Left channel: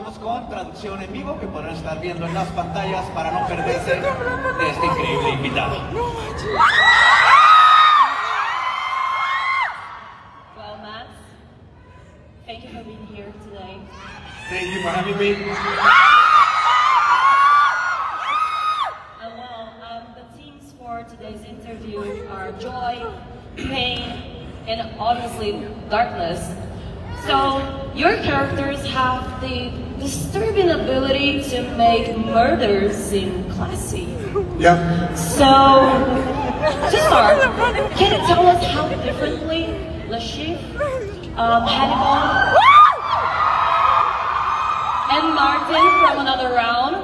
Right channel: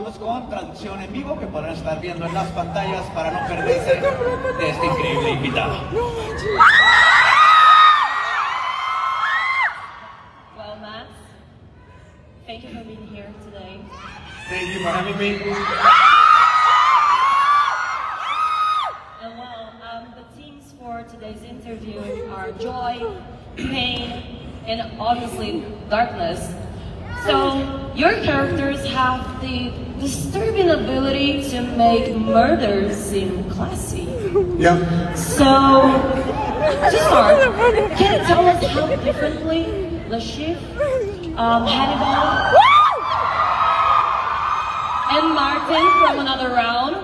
continuamos con traducción en vivo que podrán estar viendo en las pantallas para no perderse de este increíble invitado. Well, Matt, thank you for being here today. Thank you for having me. The themes for today's interview are joy, pain, and obviously darkness. So, your characters have the disturbing ability to make murder seem classy. Yeah. So, to start, can you tell us how differently Le Chiffre, Hannibal, and Martin from Another Round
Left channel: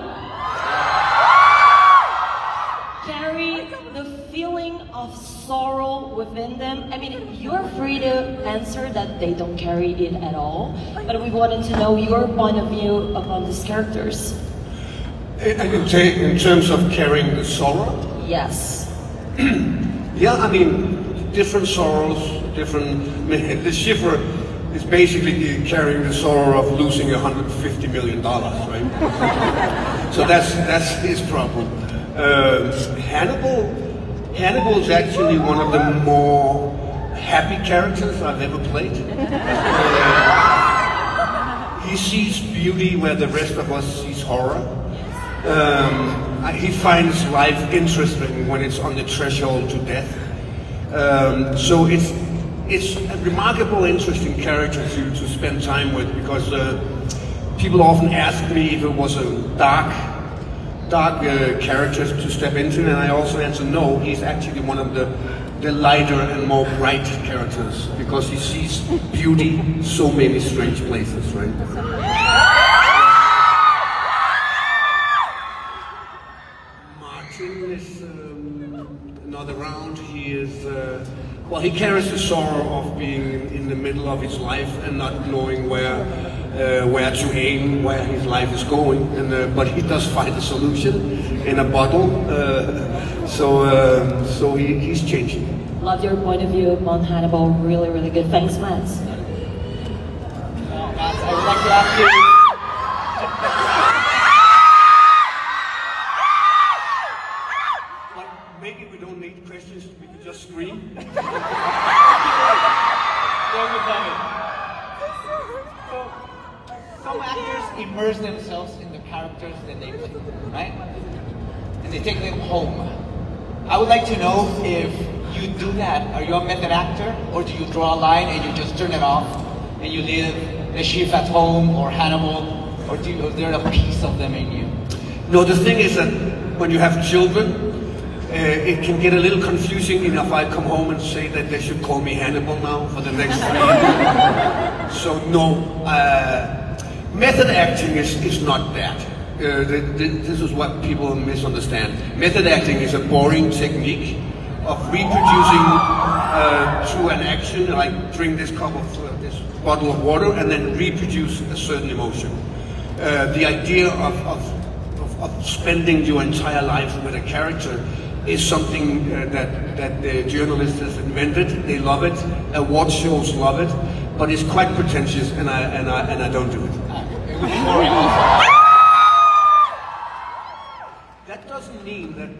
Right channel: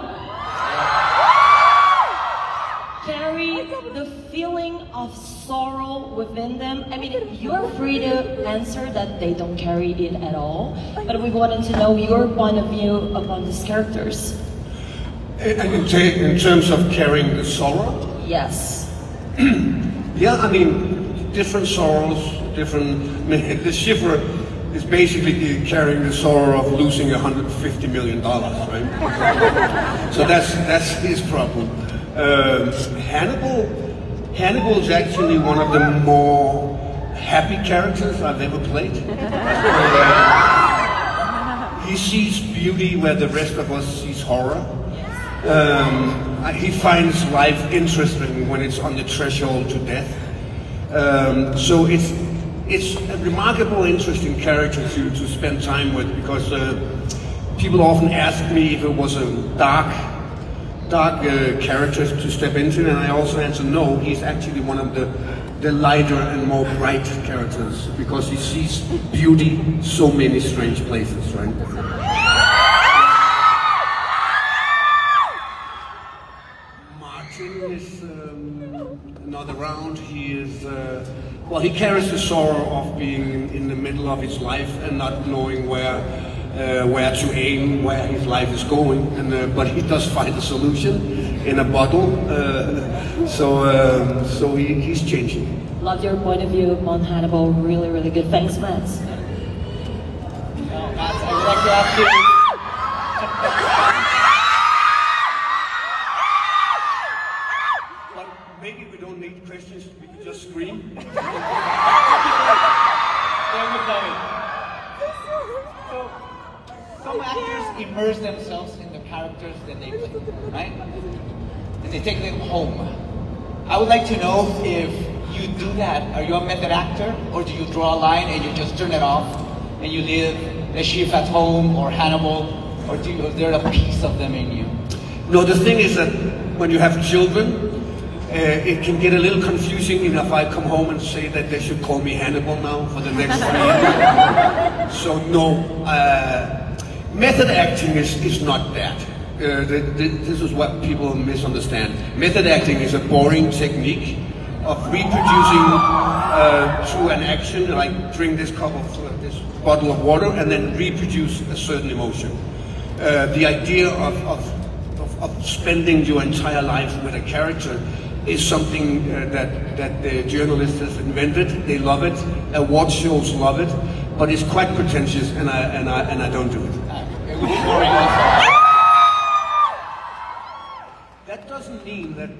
carry the feeling of sorrow within them? I mean, you're free to answer that they don't carry it at all, but we wanted to know your point of view upon these characters. I can say in terms of carrying the sorrow. Yes. Yeah, I mean, different sorrows, different. The Chiffre is basically carrying the sorrow of losing $150 million, right? So that's his problem. Hannibal is actually one of the more happy characters I've ever played. He sees beauty where the rest of us sees horror. He finds life interesting when it's on the threshold to death. So it's a remarkable, interesting character to spend time with, because people often ask me if it was a dark characters to step into, and I also answer no. He's actually one of the lighter and more bright characters, because he sees beauty so many strange places, right? Martin is another round. He is well, he carries the sorrow of being in the middle of his life and not knowing where to aim, where his life is going, and but he does find a solution in a bottle. So he's changing. Love your point of view upon Hannibal. Really, really good. Thanks, Matt. Now, Matt, I would like to ask you. But maybe we don't need questions. We can just scream. There you go. So, some actors immerse themselves in the characters that they play, right? And they take them home. I would like to know if you do that. Are you a method actor, or do you draw a line and you just turn it off and you leave the chief at home or Hannibal, or is there a piece of them in you? No, the thing is that when you have children, it can get a little confusing if I come home and say that they should call me Hannibal now for the next 3 years. So no, method acting is not that. This is what people misunderstand. Method acting is a boring technique of reproducing through an action, like drink this this bottle of water, and then reproduce a certain emotion. The idea of spending your entire life with a character is something that the journalists have invented. They love it. Award shows love it, but it's quite pretentious, and I don't do it. It would be boring also. That doesn't mean that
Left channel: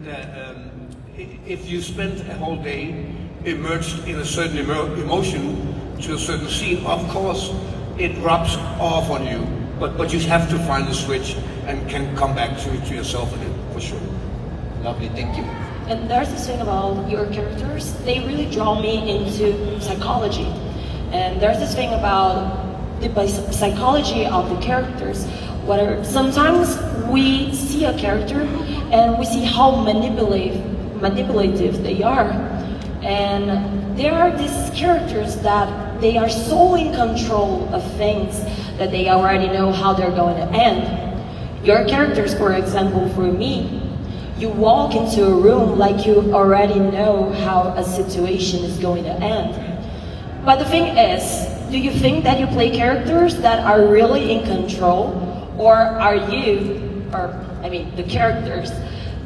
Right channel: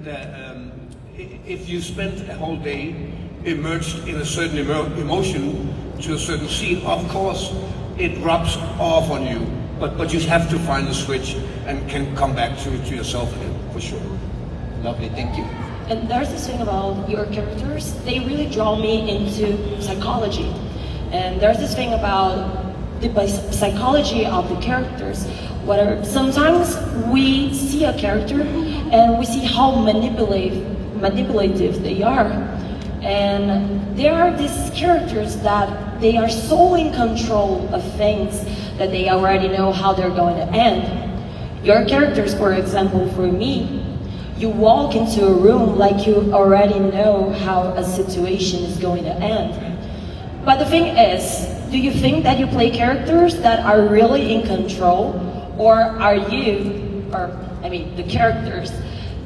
if you spend a whole day immersed in a certain emotion to a certain scene, of course it rubs off on you. But you have to find a switch and can come back to yourself again, for sure. Lovely, thank you. And there's this thing about your characters, they really draw me into psychology. And there's this thing about the psychology of the characters, where sometimes we see a character and we see how manipulative they are. And there are these characters that they are so in control of things that they already know how they're going to end. Your characters, for example, for me, you walk into a room like you already know how a situation is going to end. But the thing is, do you think that you play characters that are really in control, or are you, the characters,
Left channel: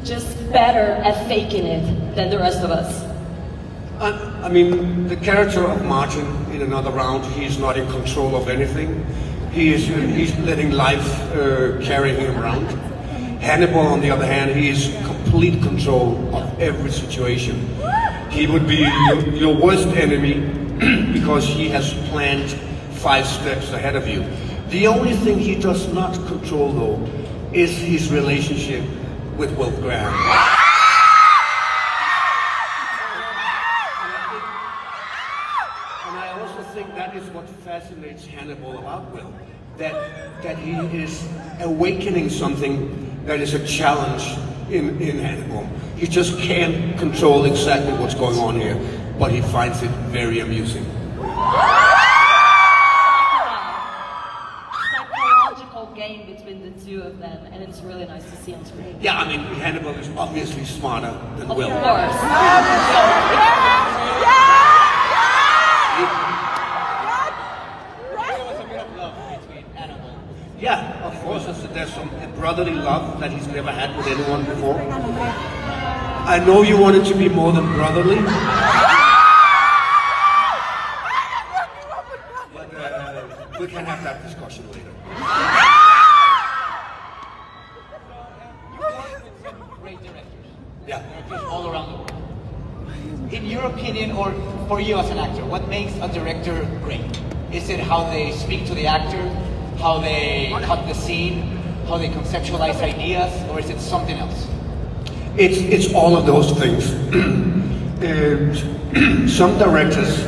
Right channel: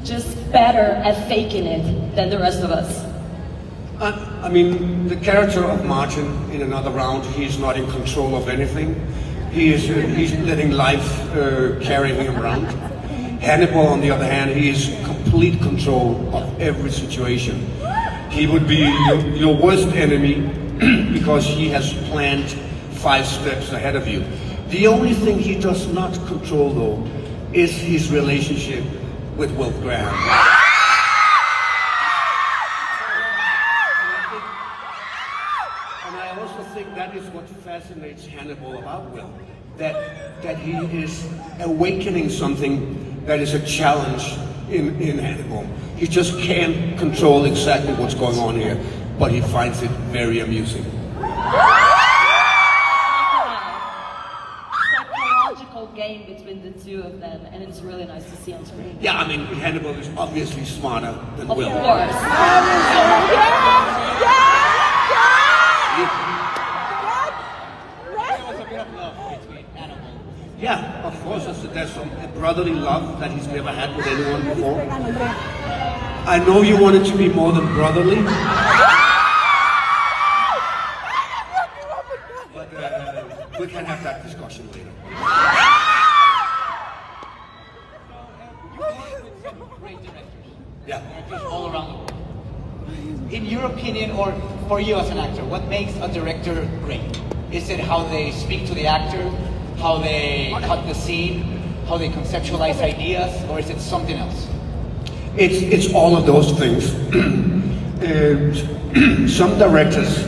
just better at faking it than the rest of us? I mean, the character of Martin in Another Round, he's not in control of anything. He's letting life carry him around. Hannibal, on the other hand, he is complete control of every situation. He would be your worst enemy because he has planned 5 steps ahead of you. The only thing he does not control, though, is his relationship with Gran. And I also think that is what fascinates Hannibal about Will, that he is awakening something that is a challenge in Hannibal. He just can't control exactly what's going on here, but he finds it very amusing. Psychological game between the two of them, and it's really nice to see on screen. Yeah, I mean, Hannibal is obviously smarter than Will. Of course. There was a bit of love between Hannibal. Yeah, of course, there's some brotherly love that he's never had with anyone before. I know you want it to be more than brotherly, but we can have that discussion later. You work with some great directors. Yeah. Directors all around the world. In your opinion, or for you as an actor, what makes a director great? Is it how they speak to the actor, how they cut the scene, how they conceptualize ideas, or is it something else? It's all of those things. Some directors,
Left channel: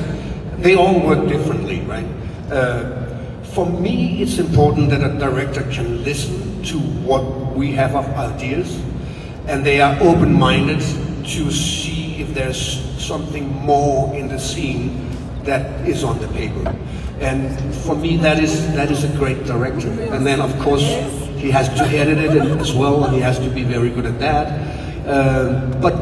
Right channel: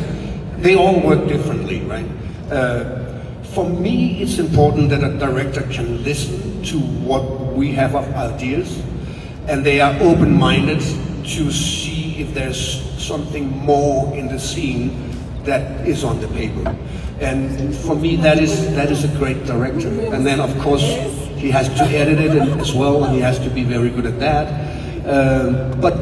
they all work differently, right? For me, it's important that a director can listen to what we have of ideas, and they are open-minded to see if there's something more in the scene that is on the paper. And for me, that is a great director. And then, of course, he has to edit it as well, and he has to be very good at that. But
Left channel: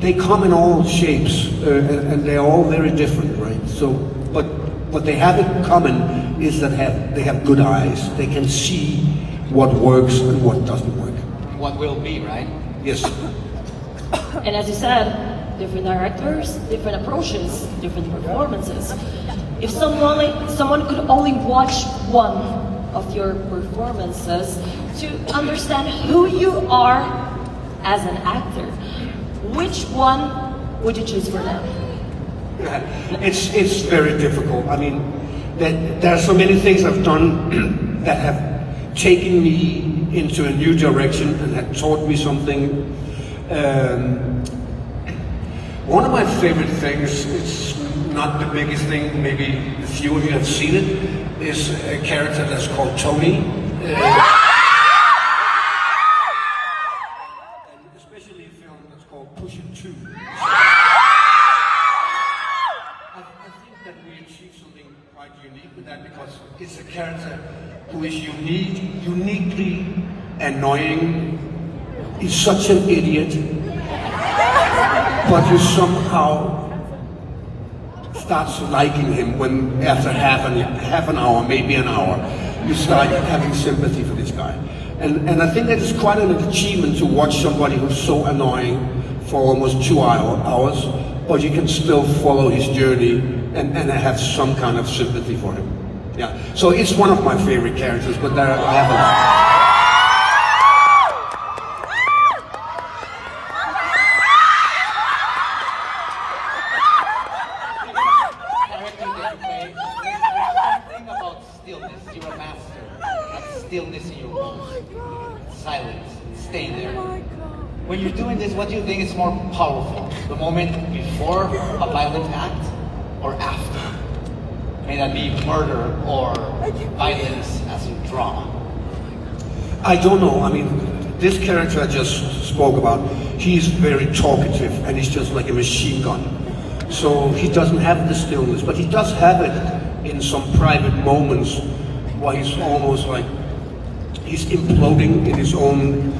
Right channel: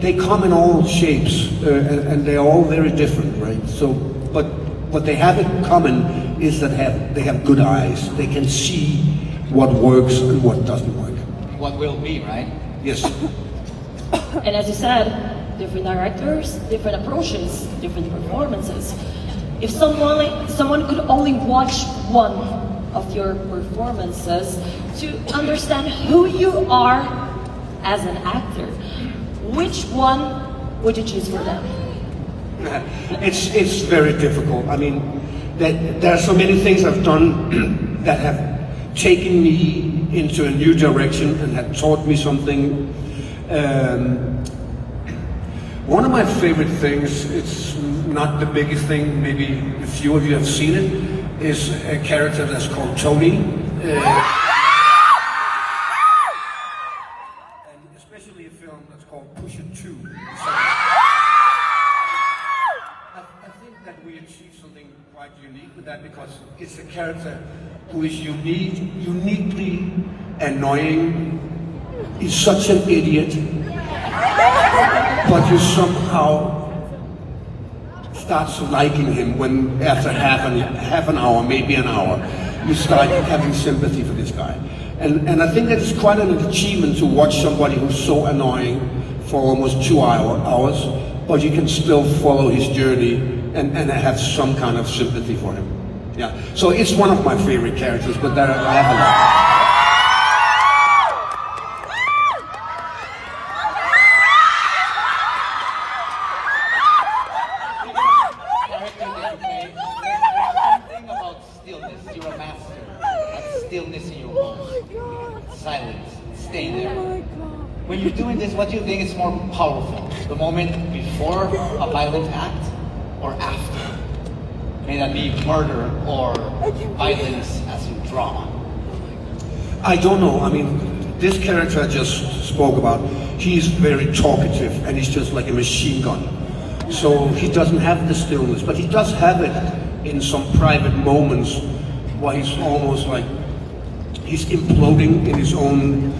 they come in all shapes, and they're all very different, right? So, but what they have in common is that they have good eyes. They can see what works and what doesn't work. What will be, right? Yes. And as you said, different directors, different approaches, different performances. If someone could only watch one of your performances to understand who you are as an actor, which one would you choose for them? It's very difficult. I mean, there are so many things I've done that have taken me into a new direction and have taught me something. One of my favorite things, it's not the biggest thing, maybe a few of you have seen it, is a character that's called Tony. And especially a film that's called Push It 2. I think that we achieved something quite unique with that, because it's a character who is uniquely annoying. He's such an idiot, but you somehow starts liking him when after half an hour, maybe an hour, you start having sympathy for this guy. And I think that it's quite an achievement to watch somebody who's so annoying for almost 2 hours, but you can still follow his journey and have some kind of sympathy for him. Yeah. So it's one of my favorite characters, but I have a lot. Stillness in your roles, silence, stay there. When you're doing this, what do you think is more powerful? The moment before a violent act or after? May that be murder or violence as in drama? I don't know. I mean, this character I just spoke about, he's very talkative and he's just like a machine gun. So he doesn't have the stillness, but he does have it in some private moments where he's almost like he's imploding in his own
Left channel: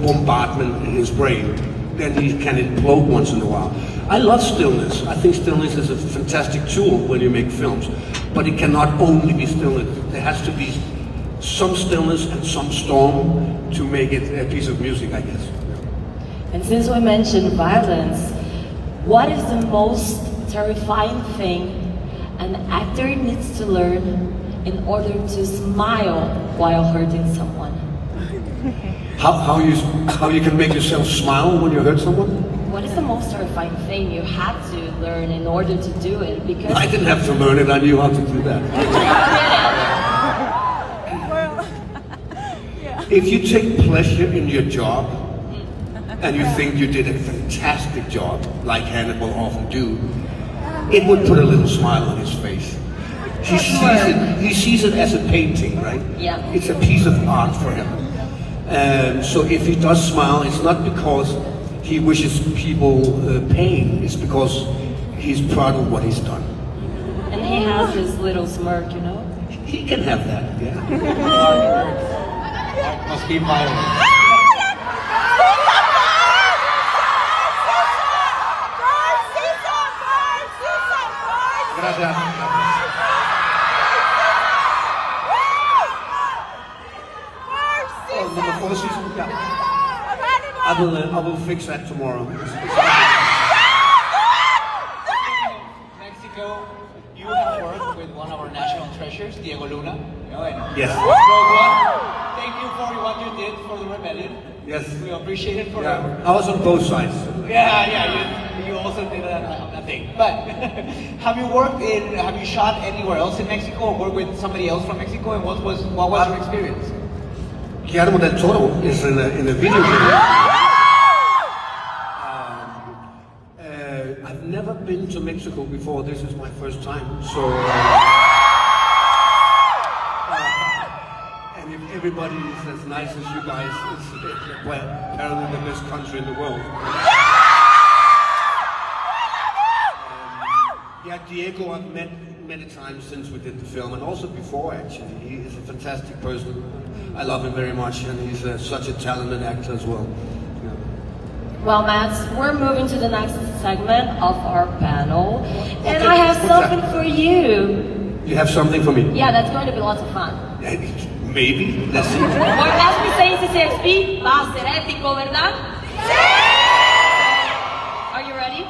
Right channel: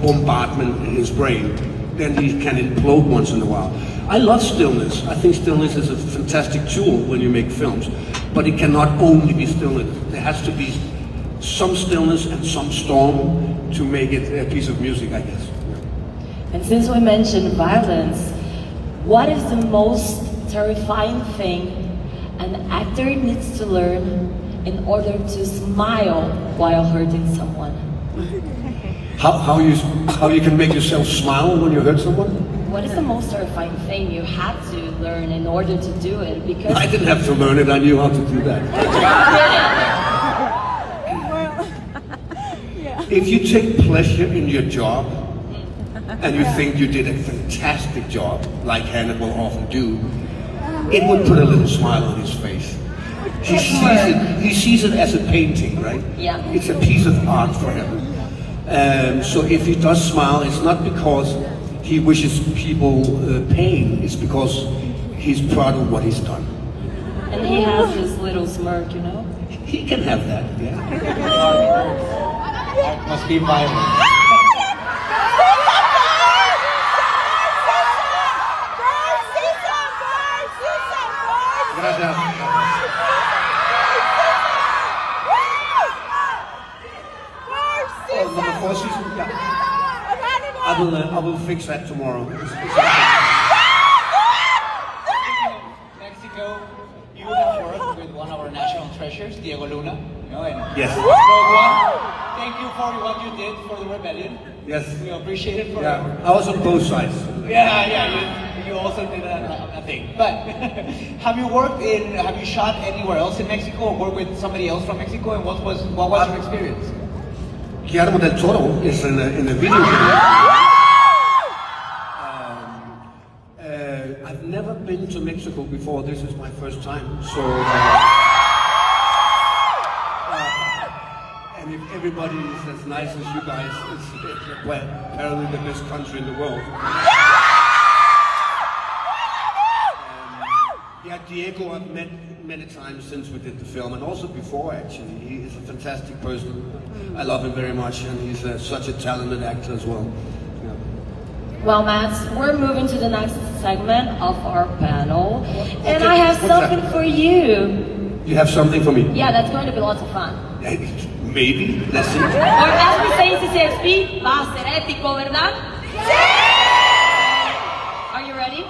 bombardment in his brain. Then he can implode once in a while. I love stillness. I think stillness is a fantastic tool when you make films, but it cannot only be stillness. There has to be some stillness and some storm to make it a piece of music, I guess. And since we mentioned violence, what is the most terrifying thing an actor needs to learn in order to smile while hurting someone. How you can make yourself smile when you hurt someone? What is the most terrifying thing you had to learn in order to do it? Because I didn't have to learn it, I knew how to do that. If you take pleasure in your job, and you think you did a fantastic job, like Hannibal often do, it would put a little smile on his face. He sees it as a painting, right? Yeah. It's a piece of art for him. So if he does smile, it's not because he wishes people pain, it's because he's proud of what he's done. And he has this little smirk, you know? He can have that, yeah. Art must be violent. Gracias. Oh, number 4 season? Yeah. I will fix that tomorrow. Mexico, you have worked with one of our national treasures, Diego Luna. You know, and Yes. Rogue One. Thank you for what you did for the rebellion. Yes. We appreciate it forever. Yeah. I was on both sides. You also did a thing. But have you shot anywhere else in Mexico or worked with somebody else from Mexico? And what was your experience? Guillermo del Toro is in a video game. I've never been to Mexico before. This is my first time. So, and if everybody is as nice as you guys, it's apparently the best country in the world. Yeah, Diego I've met many times since we did the film, and also before actually. He is a fantastic person. I love him very much, and he's such a talented actor as well. Yeah. Well, Matt, we're moving to the next segment of our panel, and I have something for you. You have something for me? Yeah, that's going to be lots of fun. Maybe, let's see. Or as we say in CCXP, va a ser épico, ¿verdad? Sí! Are you ready?